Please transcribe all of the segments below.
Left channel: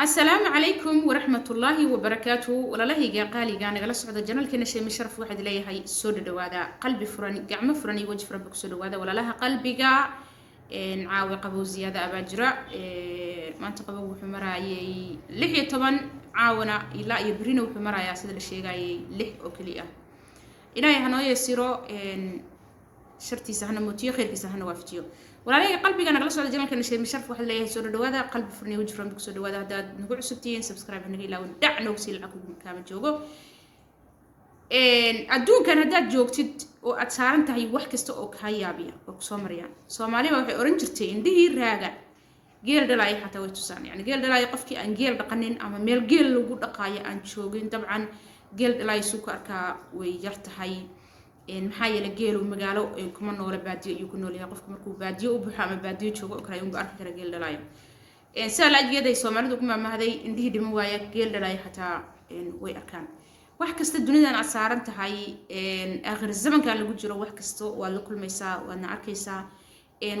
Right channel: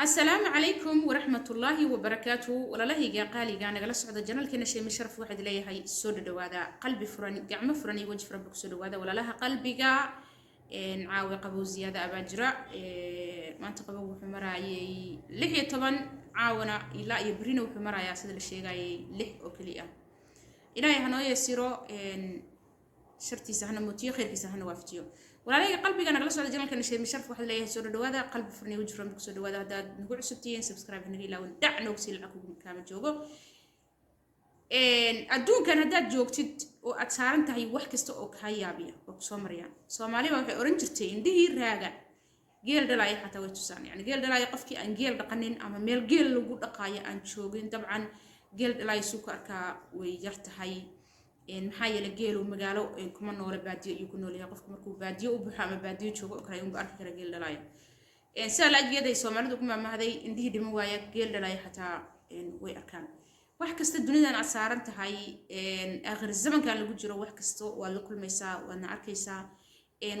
السلام عليكم ورحمة الله وبركاته ولا له قالي قانا جلس عند الجنال كنا شيء مشرف واحد ليه هاي السود دوادا قلبي فراني قعمة فراني وجه فربك سود دوادا ولا لها قلبي قا نعاوي قبو زيادة أباجرة ما أنت قبو حمراي لحية طبعا عاونا لا يبرينه وحمراي أسد الشيء جاي لح أكليه إلهي هنوي يسيرو شرتي سهنا موتيو خير في سهنا وافتيو ولا لي قلبي أنا جلست على جنال كان شيء مشرف واحد ليه سود دوادا قلب فرني وجه فرنك سود دوادا هذا نقول سبتين سبسكرايب هنقول لو دعنا وسيل عقوق كامل جوجو أدون كان هذا جوجتد وأتسارن تهي واحد كستو كهيابيا وكسومريان سومالي وحي أورنجرتين دي راجع جيل دلاي حتى ويتوسان يعني جيل دلاي قفكي أن جيل دقنين أما ميل جيل لو قد دقايا أن شوقين طبعا جيل دلاي سكر كا ويرتهي maxaa yeelay geelu magaalo kuma noole baadiyo iyo ku nool yahay qofku markuu baadiyo u buuxa ama baadiyo joogo oo kale uu arki kara geel dhalaayo sida la ajeeday Soomaalidu kuma mahday indhihi dhiman waaya geel dhalaayo xataa way arkaan wax kasta dunidan aad saaran tahay aakhir zamanka lagu jiro wax kasta waa la kulmaysaa waana arkaysaa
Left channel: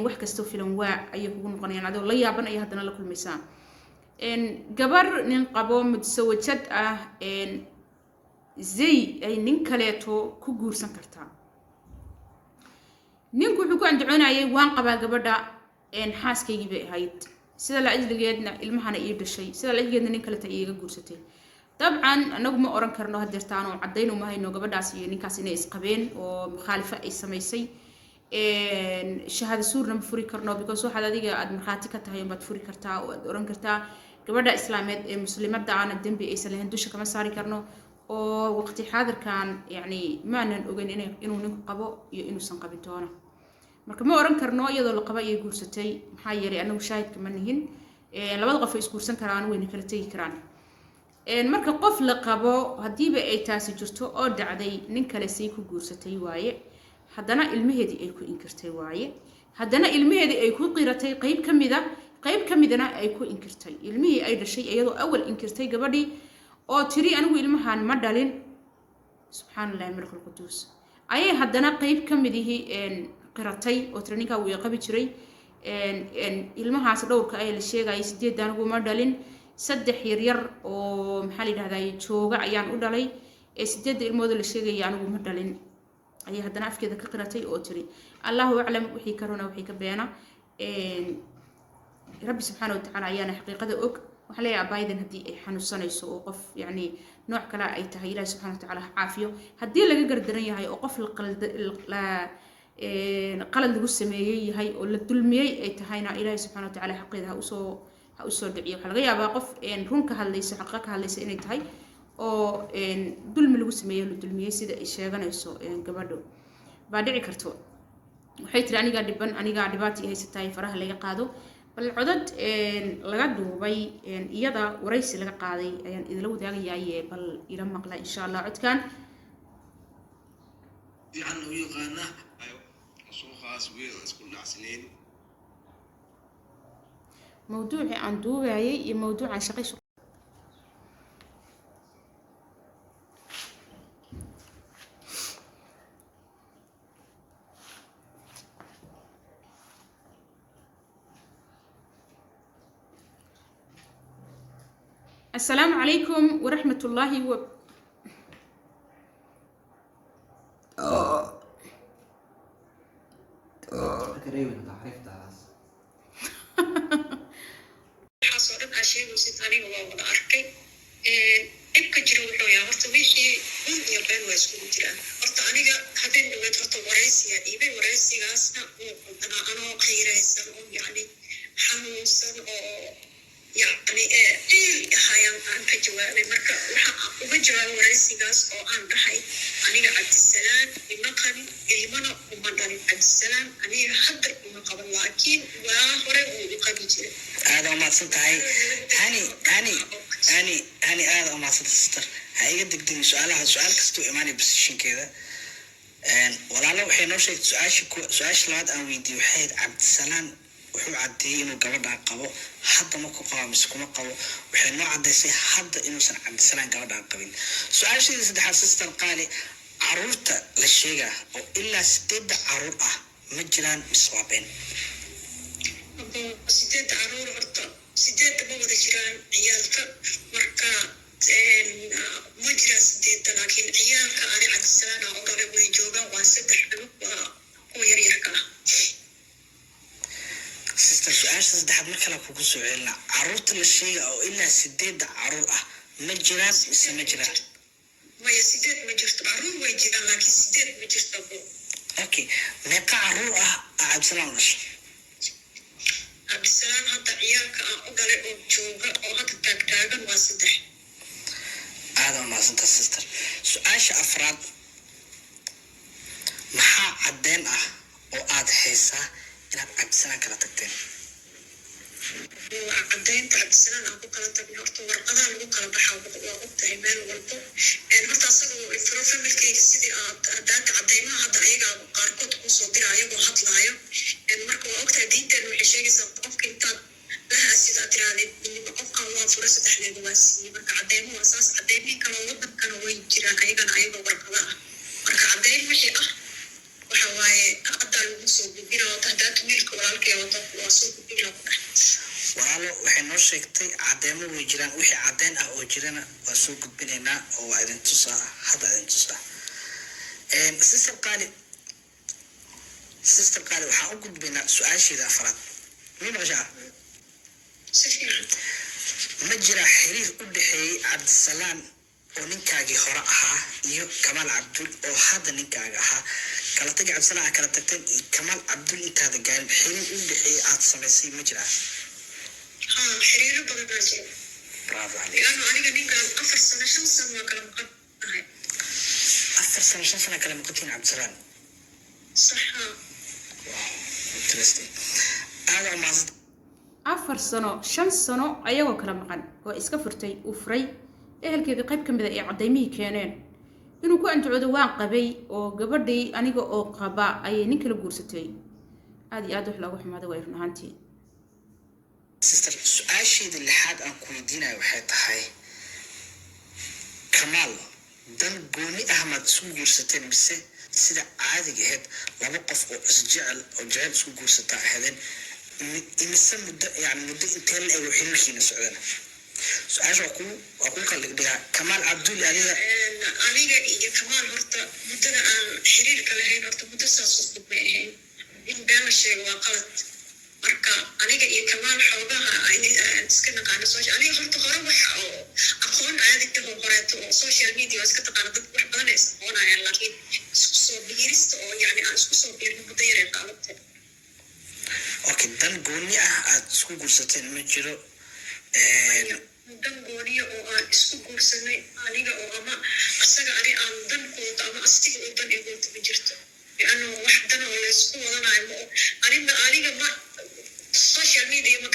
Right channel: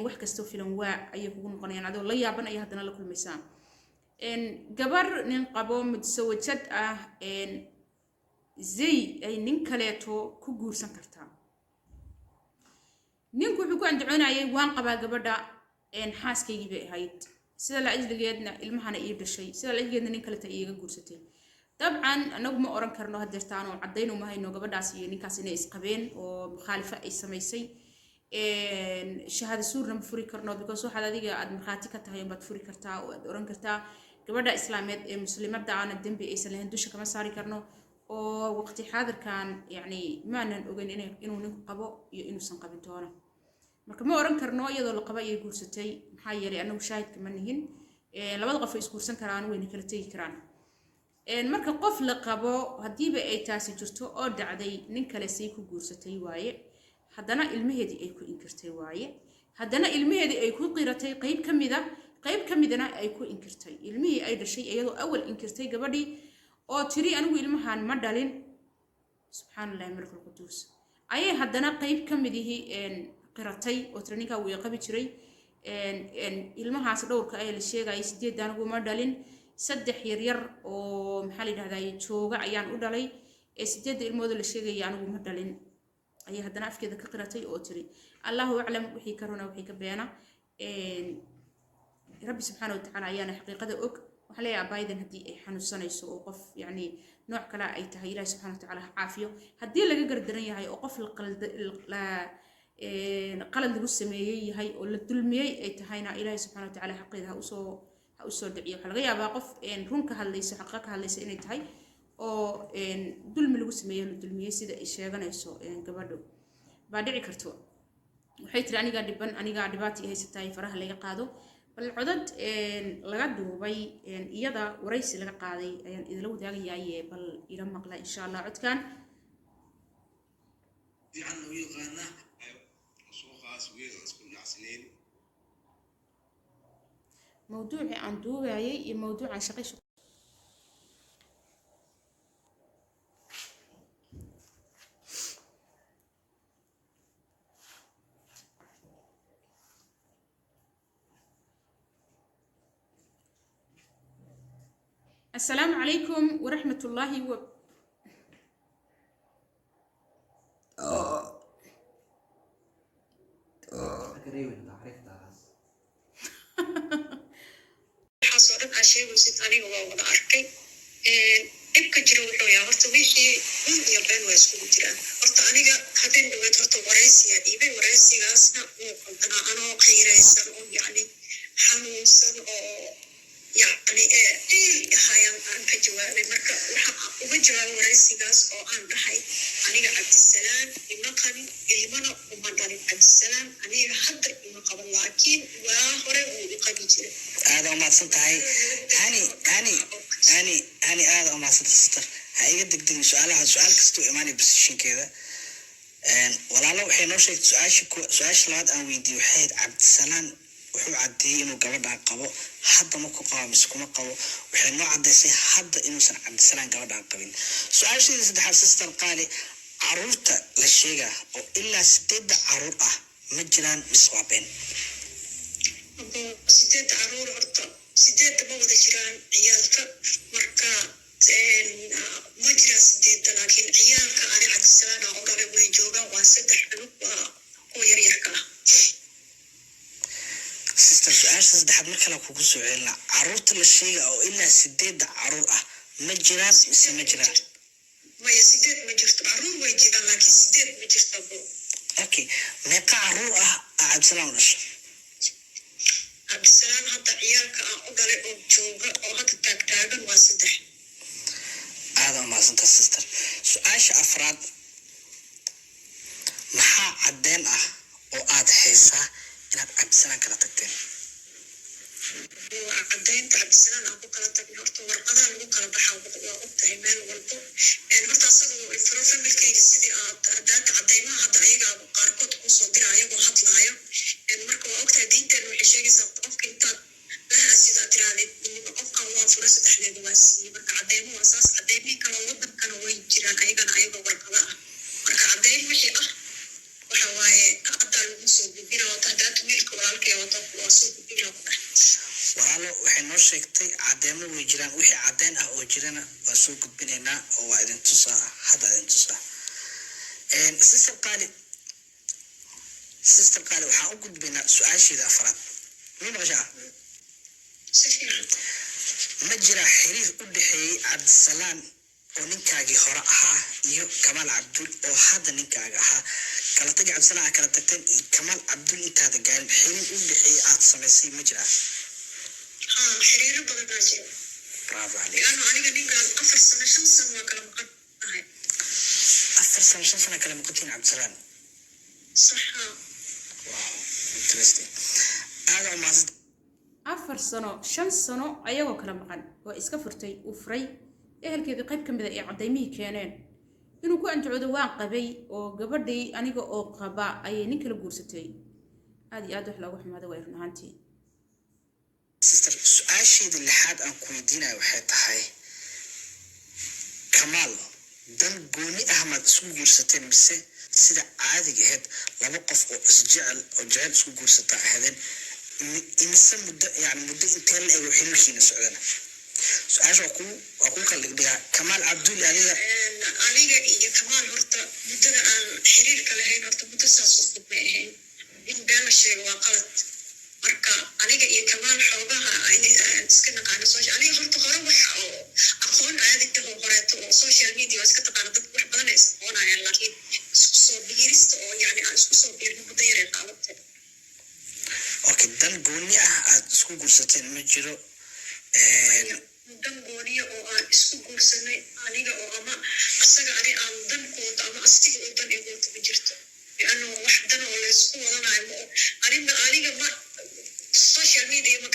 wax kasta filan waa ay kugu noqonayaan adoo la yaaban ay hadana la kulmaysaa gabar nin qabo mudasawajad ah زي أي نكلته كجور سنكرتها نكو حكو عند عنا أي وان قبل قبضة إن حاس كي يجيب هيد سيدا لأجل جدنا المحنا يرد الشيء سيدا لأجل جدنا نكلته إيه جور ستين طبعا نجم أوران كرناه هدرتانو عدينو ما هي نوجا بدأ سي نكاسين إسقابين ومخالفة إسمايسي إن شهادة سور نمفوري كرناه بيكون هذا ديجا أد مخاتك تهيم بتفوري كرتا وأوران كرتا قبضة إسلامية مسلمات دعانا الدم بإيس اللي هندوش كمان ساري كرناه ووقت حاضر كان يعني ما نقول إنه نقبو إنه سنقبلتونا مركب ما أوران كرناه يضل القباء يقول ستي محيري أنه شاهد كمان هن لما ضغط في إسكور سنكران وين كرتي كران مركب قفل قبو هدي بأي تاسي جرتو أو دعدي ننكلسيكو جورستي واي هدنا المهدي أيكو إنكرتي واي هدنا المهدي أيكو قيرتي قيب كمدنا أيكو إنكرتي المهي أيضا شيء أيضا أول إنكرتي قبلي oo tiri anigu ilmahan ma dhalin subhanallahi markul qudus ayay hadana qayb kamidii qiratay oo traininka uu qabi jiray ilmahaas dhowrka ay la sheegay 8 anigu ma dhalin 3 yar oo maxaa la yiraahdaa jooga ayaan u dhalay 8 ilmood la sheegay anigu ma dhalin ayay hadana afkeeda ka qiratay oo tiri Allahu a'lam wixii karona wixii ka beena rabbi subhanahu wa ta'ala ayana xaqiiqada og وحلي عبايدن هدي حنوسانيسو وقف يعني نوع كلا أي تهي الله سبحانه وتعالى عافيه هدي اللي جر الدنيا هاي وقف القلد قلد جسمي هاي ولا الدلمي أي تهينا الله سبحانه وتعالى حقيقة هؤسو دعية حلقة بقف إن رونك هالليس حقك هالليس إن تهي أو إن دلم الجسمي ولا الدلمي سيد إشياء جنايسو إن قبله بعد عكرتو وحيت أنا قاعد بن أنا قاعد باتي هاي ستاي فرح اللي قادو بالعدد laga duubay iyada waraysi laga qaaday ayaan idin wadaagayay bal ila maqla insha Allah codkan diican oo yaqaana soo khaas weey isku dhacsaneen موضوعي aan duubayay iyo موضوعan shaqo السلام عليكم ورحمة الله حصلت عشان وستاني وما أركي إبكي جروحه يا هرت ماشي من يبين ويسكون ترى هرت أنا هذين دوت هرت ورئيسي إيبي ورئيسي أصلا أنا خير إنسان يعني حنوسان يعني هاي عن كجوابي مركب وبجواب ورئيسياس أو عن رحي أنا عبد السلام المقام إيمانا ومدن عبد السلام أنا حضر من قبل لكن وهرب وقبل جري هذا ما صدقي هني هذا ما صدق هاي قد قدم سؤال كستو إيماني بسشين كذا ولا لو حين شيء سؤال لاد أنا ويدي وحيد عبد السلام wuxuu cadeeyay inuu gabadha qabo hadda ma ku qabo mise kuma qabo waxay noo cadeysay hadda inuusan Cabdisalaan gabadha qabin su'aashiisa saddexaad sister qaali caruurta la sheega oo ilaa 8 caruur ah ma jiraan miswaabeen أبو سيدات عرور أرتا سيدات ما ودا جيران عيال soo celinaa caruurta la sheega oo ilaa 8 caruur ah ma jiraan mise ma jiraan maya 8 ma jirto caruur way jiraan laakiin 8 ma jirto okay meeqa caruur ah cabdisalaan dhashay cabdisalaan hadda ciyaalka aan u dhalay oo jooga oo hadda taagtaagan waa 3 aada umahadsanta sister su-aasha afraad maxaa caddeyn ah oo aada haysaa inaad cabdisalaan kala tagteen waa caddeynta cabdisalaan aan ku kala tagnay horta warqadaha lagu kala baxaa waa ogtahay meel walbo horta asagoo ifro familkeyga sidii daata cadeymaha hadda ayagaa qaarkood kusoo dira ayagoo hadlaayo marka waa ogtahay diinteen waxay sheegaysaa qofka intaad laha sidaa tiraadee qofkan waa fura 3 waa siiyey marka cadeymo waa saas cadeymihi kaloo wadankana way jiraan ayagana ayagoo warqada ah marka cadeyn wixii ah waxa waaye hadda lagu soo gudbina wata daata wiilka walaalkaya wata waa soo gudbina ku dhex walaalo waxay noo sheegtay cadeymo way jiraan wixii caddeyn ah oo jirana waa soo gudbinaynaa oo waa idin tusaa hadda idin tusaa sister qaali waxaan u gudbaynaa su-aasheeda afraad ma maqashaa ma jira xiriir u dhexeeyey cabdisalaan oo ninkaagii hore ahaa iyo kamaal cabdul oo hadda ninkaaga ahaa kala tagi cabdisalaan kala tagteen iyo kamaal cabdul intaada gaarin xiriir u dhexeeyey aada samaysay ma jiraa xiriiro badan baa jira bravo laano aniga ninkaan 4 sano 5 sano waa kala maqan tahay 4 sano 5 sano kala maqantiin cabdisalaan saxa wow interesting aada umahadsanta 4 sano 5 sano ayagoo kala maqan oo iska furtay uu furay ehelkeedii qayb ka mid ah ee cadeymihii keeneen inuu ku anjacoodo waan qabay oo gabadhii aniga oo qaba ayay nin kala guursatay aad iyo aad wax loogu xumaado way run ahaantii sister su-aasheedii lixaad aan ku weydiinayo waxay tahay kamaal dan gooni ah maad isku guursateen mise sida caadiga ahayd laba qof oo isjecel oo jecel isku guursataa ahaydeen imise muddo intee la ego xiriirkiina socdana su-aasha waa ku kala dhigdhigaa kamaal cabdul aniga iyo kamaal horta muddada aan xiriirka lahayn horta muddo saas u fog may ahayn in been la sheego waa qalad marka aniga iyo kamaal xoogaha iska naqaano aniga horta hore waxa oo aqoon caadi ah oo horeeto oo social media iska taqaano dad wax badan ay aqoonayaan laakiin isku soo biirista oo yani aan isku soo biirin muddo yar ay qaadatay okay dan gooni ah aad isku guursateen ma jiro dan gooniya oo aan isku guursanay aniga oo ama asaga ani aan dankooda ama astiga oo dan egoota ma jirto lianno wax dan oo laysku wadanayo aniga ma social media ma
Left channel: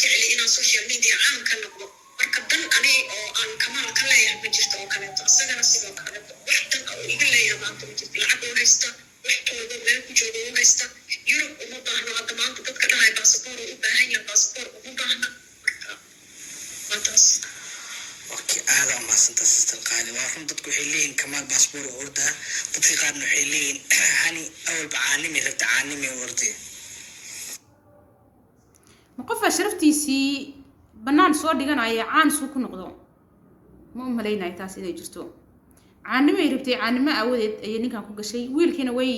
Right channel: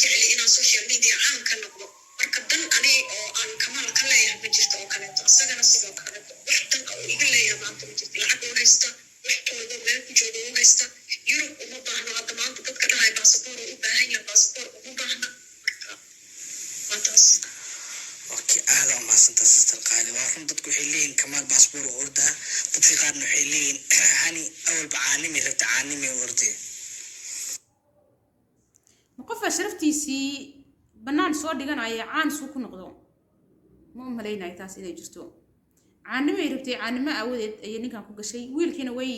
jecli inaan social media caan ka noqdo marka dan ani oo aan kamaal ka leeyahay ma jirto oo kaleeto asagana sidoo kaleeto wax dan oo iga leeyahay maanta ma jirto lacag oo haysta wax tooda meel ku jooga oo haysta yurub uma baahno hadda maanta dadka dhahay baasaboor oo u baahan yahay baasaboor uma baahna marka waa taas okay aada umahadsanta sister qaali waa run dadku waxay leeyihin kamaal baasboor oo ordaa dadka qaarna waxay leeyihin hani awalba caanimi rabta caanimi orday ma qofaa sharaftiisii bannaan soo dhiganaya caan suu ku noqdo ma u malaynayo taas inay jirto caanimo ay rabtay caanimo aawadeed ayay ninkan ku gashay wiilkiina way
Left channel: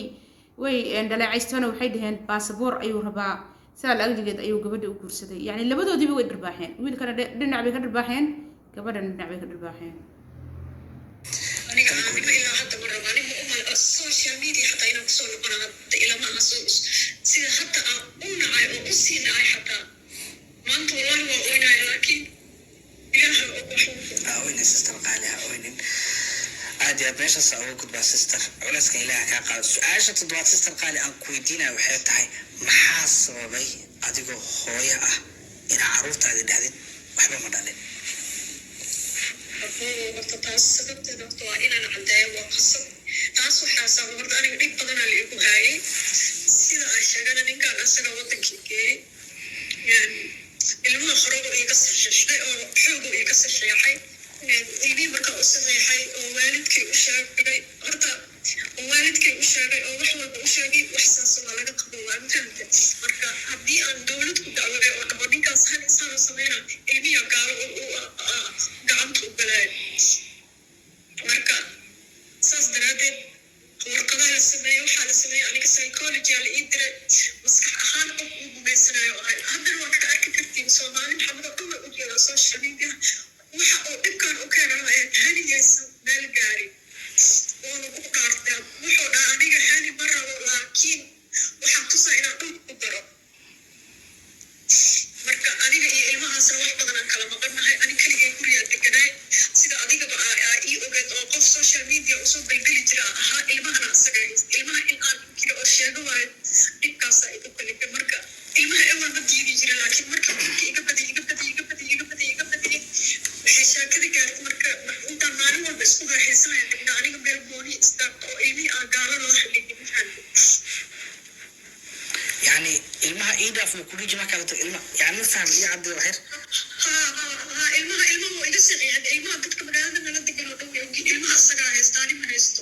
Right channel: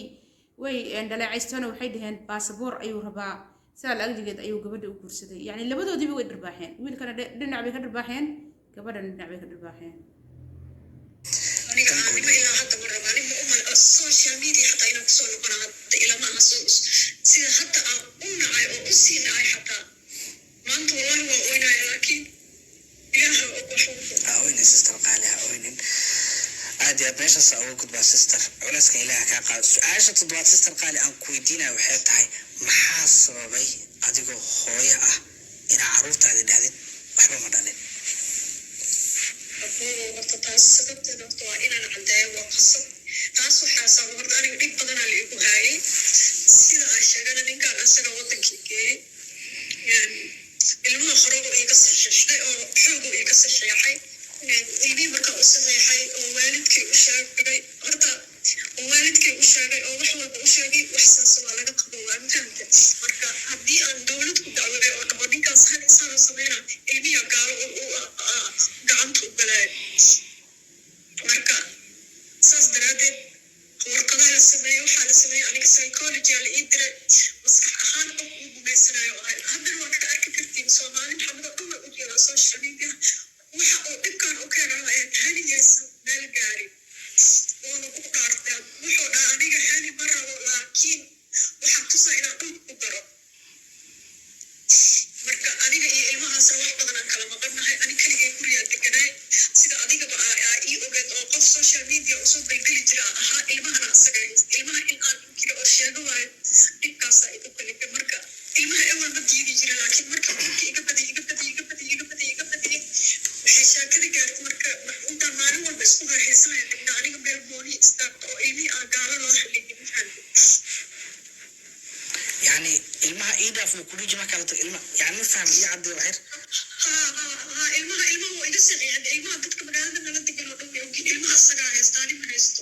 dhaleecaystona waxay dhaheen baasaboor ayuu rabaa sidaa la-agdigeed ayuu gabadha u guursaday yacni labadoodiiba way dharbaaxeen wiilkana dhinac bay ka dharbaaxeen gabadhana dhinac bay ka dharbaaxeen aniga ilaa hadda ma rabo aniga uma social media xataa inaan kusoo noqona hadda ilama aha sida hadda aan u nacay oo u sii nacay xataa maanta wallahi waa oynaya laakiin ilaha oynin sister qaali ha oynin aad iyo aad meeshaas uga gudbaa sister culayska ilaaha kaa qaado su-aasha 7 sister qaali aan ku weydiinaya waxay tahay maxaa sababay adigoo hooyo ah inaa caruurtaadi dhahdid waxba ma dhalin horta taas sababteeda horta waa inaan caddeeyo waa qasab taas waxaa sabab horta aniga dhib badanaa la igu haayay sida aan sheegana ninkaan asaga wadankii geeyey ilmaha horeba iga sasheexay oo xoogu iga sasheexay ilmihii markaa u sameexay oo waalidkii u sheegay horta oo waalidkii u sheegay oo wax walba u sheegay wax saas waa laga qabo waa fahamta marka haddii aan dowlad ku dacwaday oo dhabo ninkaas hal isaan u sameyna ilmiha gaalo gacanta u galaayo marka saas daraadeed warqadaa la sameeyey waxaa la sameeyey aniga psychology aa la ii diray maskax ahaan qof uu gumaysanayo ahay haddana waa ka arki kartiin social media waxa uu dhibkan u keenaa hanigaysa meel gaari oona ku dhaartaa wuxuu dhaha aniga hani ma rabo laakiin waxaa tusaa inaan dhul ku daro marka aniga iyo ilmahaasna wax badan aan kala maqannahay ani keligay gurigaa deganaay sida adigaba ii ogeed oo qof social media usoo baygeli jira ahaa ilmahana asaga haysta ilmaha in aan ku jiro oo sheego waayo dhibkaasaa igu kalifay marka ilmaha ewel ma diidi jira laakiin marka dhibka iga badiyay waxay shaakada gaartay marka intaan maalin walba isku raaxaysanaya dhigna aniga meel gooni istaagta oo ilmihii aan gaalo loo xidhigin maxaanku يعني المها إيدا في كل جماعة كانت يعني فهم إيه عبد الوحيد ilmaha waa iga siciyaan ilmaha dadka magaalada nala degan oo dhan way ilmaha asagaa haystaani ma haysto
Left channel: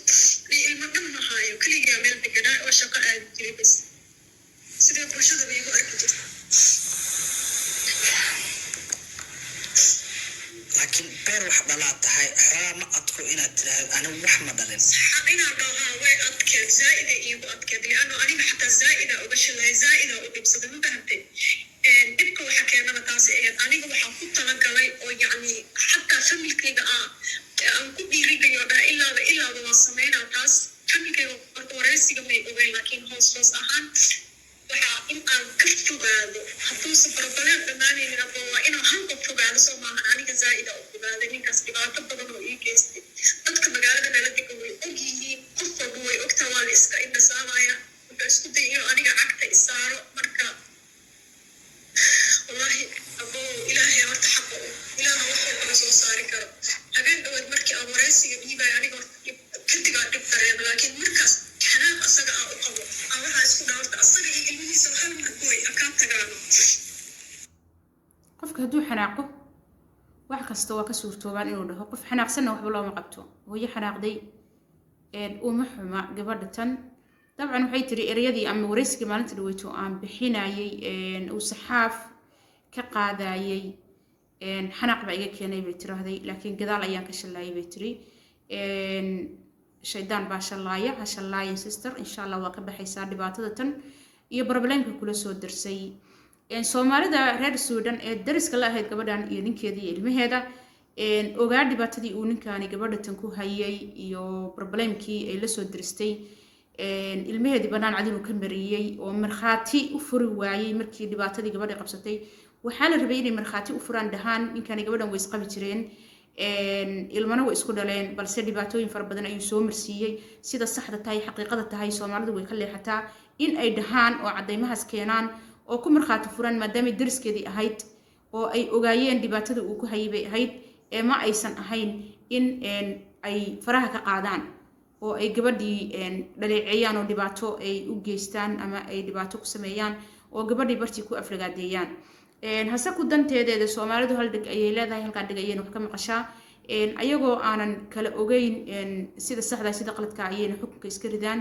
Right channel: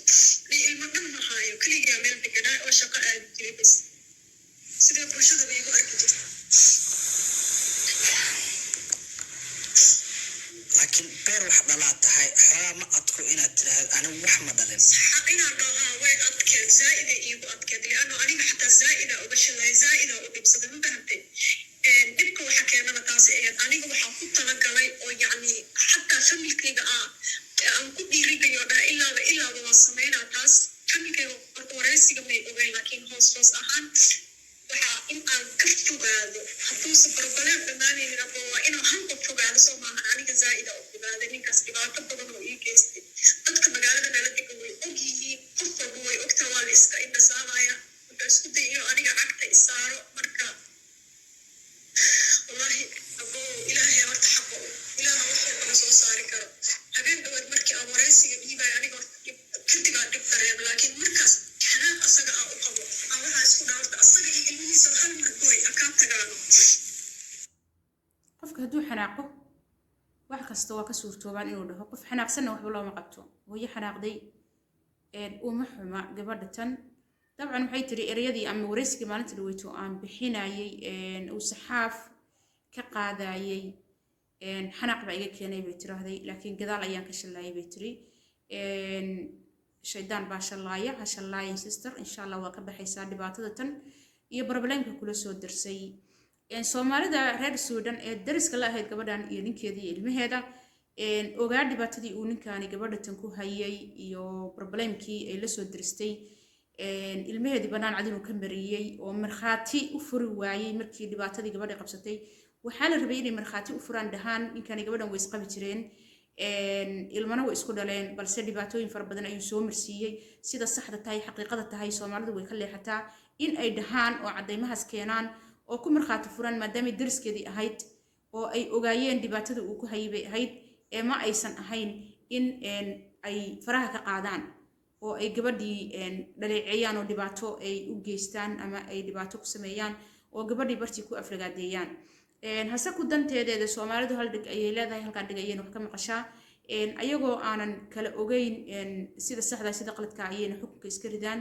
ilma dhan ma haayo keligaa meel deganaa oo shaqo aadi jiray bas sidee bulshadaba igu arki jirta لكن بير واحد لا تهاي حلا ما أذكر إن أنا وحمد دلين حقنا ضاها way adkeed zaa'ida iigu adkeed lianno aniga xataa zaa'ida uga shilay zaa'ida u dhibsada ma fahamtay dhibka waxa keenana taasi ahayd aniga waxaa ku talagalay oo yacni xataa familkayga aan ku dhiirigayo dhaha ilaaba waa sameynaa taas familkayga horta wareysiga may ogeyn laakiin hoos ahaan waxaa in aan ka fogaado hadduusan barbaleen dhammaanaynin aba waa inaan halka fogaado soo maaha aniga zaa'ida u fogaaday ninkaas dhibaato badan oo ii geystay dadka magaalada nala degan way og yihiin qof walba way ogtaa waa la iska indhasaamaya wuxuu isku day inuu aniga cagta isaaro marka wallahi abo ilaahay horta xaqa ilaaha wax walbana soo saari karo habeen dhaweed markii aan wareysiga dhiibaya aniga horta kadibaa dhib dareema laakiin markaas xanaaq asaga u qabo aan waxaa isku dhaa horta asaga iyo ilmihiisa hal margoy akaa tagaano qofka hadduu xanaaqo wax kasta waa ka suurtoobaan inuu dhaho qof xanaaqsanna waxba looma qabto hooyo xanaaqday uma xuma gabadha tan dabcan waxay tiri ereyadii ama wareysigii maalinta dhaweyto aan bixinayay uu saxaaf ka qaadayay xanaaq baa iga keenay bay tiraahday laakiin gadaal ayaan ka shallaayay bay tiri shaydaan baa shallaaya ha shallaayin sister insha allah waa ka baxaysaa dhibaatada tan iyo problemka kula soo darsay soomaalida reer Suudan ee dariska la ahayd gabadhan iyo ninkeeda iyo ilmaheeda ogaa dhibaatadii uu ninkaani gabadha tan ku hayay iyo problemkii ay la soo diristay ilmaheedii banaan cad inuu ka mariyay oo markhaati u furi waayay markii dhibaatadii gabadha qabsatay waxaa la rabay inay markhaati u furaan dhahaan ninkaani gabadhan way isqabi jireen ilmana way isku dhaleen balse dhibaatooyin fara badan ayuu soo marsiiyey sida saxda tahay xaqiiqada tahay Soomaalidu way ka leexataa in ay dhahaan oo cadeymahaas keenaan oo ku markhaati furan maadaama dariskeedii ahayd oo ay ogaayeen dhibaatada uu ku hayay bay ahayd ma aysan ahayn in ay faraha ka qaadaan oo ay gabadhii dhaleeceeyaan oo dhibaato ay u geystaan ama ay dhibaato ku sameeyaan oo gabadhii bartii ku aflagaadeeyaan hase ku danteedeeda Soomaalidu hal dhig ayay leedahay halka dhig ayay wax ka maqashaa ayagoo aanan kala ogeyn sida saxda sida qaladka ayay xukunka iska ridaan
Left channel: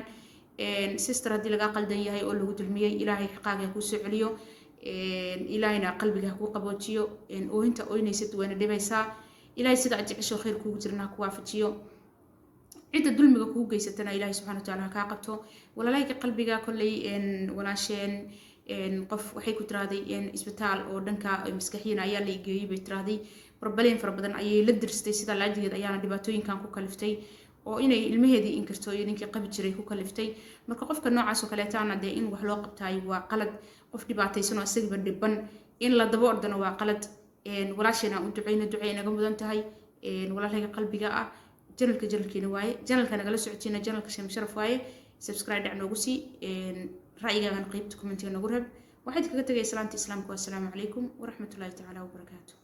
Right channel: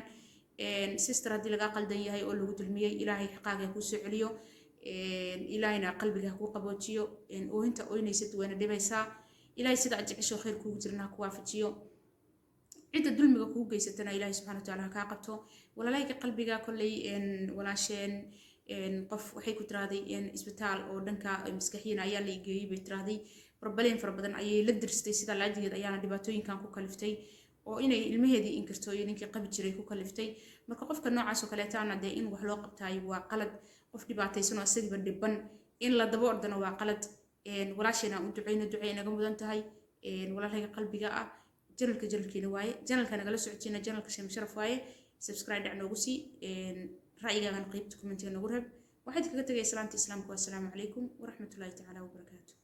sister haddii laga qaldan yahay oo lagu dulmiyay ilaahay xaqaaga ku soo celiyo ilaahayna qalbiga ku qaboojiyo oohinta ooynaysid wayna dhibaysaa ilaahay sida ajcisho khayr kugu jirna ku waafajiyo cida dulmiga kugu geysatana ilaahay subhanahu wa ta'ala ka qabto walaalayga qalbiga kulay walaasheen qof waxay ku tiraaday isbitaal oo dhanka maskaxiina ayaa la igeeyay bay tiraaday problem fara badan ayay la diristay sida laajigeed ayaana dhibaatooyinkan ku kaliftay oo inay ilmaheedii inkirto iyo ninkii qabi jiray ku kaliftay marka qofka noocaas oo kale taana de in wax loo qabtay waa qalad qof dhibaataysan oo asaga dhiban in la dabo ordana waa qalad walaashayna u duceyna naga mudan tahay walaalayga qalbiga ah janalkeena waaye janalka nagala socotiina janalka Sheem Sharaf waaye subscribe dhac noogu sii ra'yigaaga qaybta commentiga noogu reeb waxaad kaga tagay salaanta islaamka wa assalaamu calaykum wa rahmatullaahi ta'ala wa barakaatuh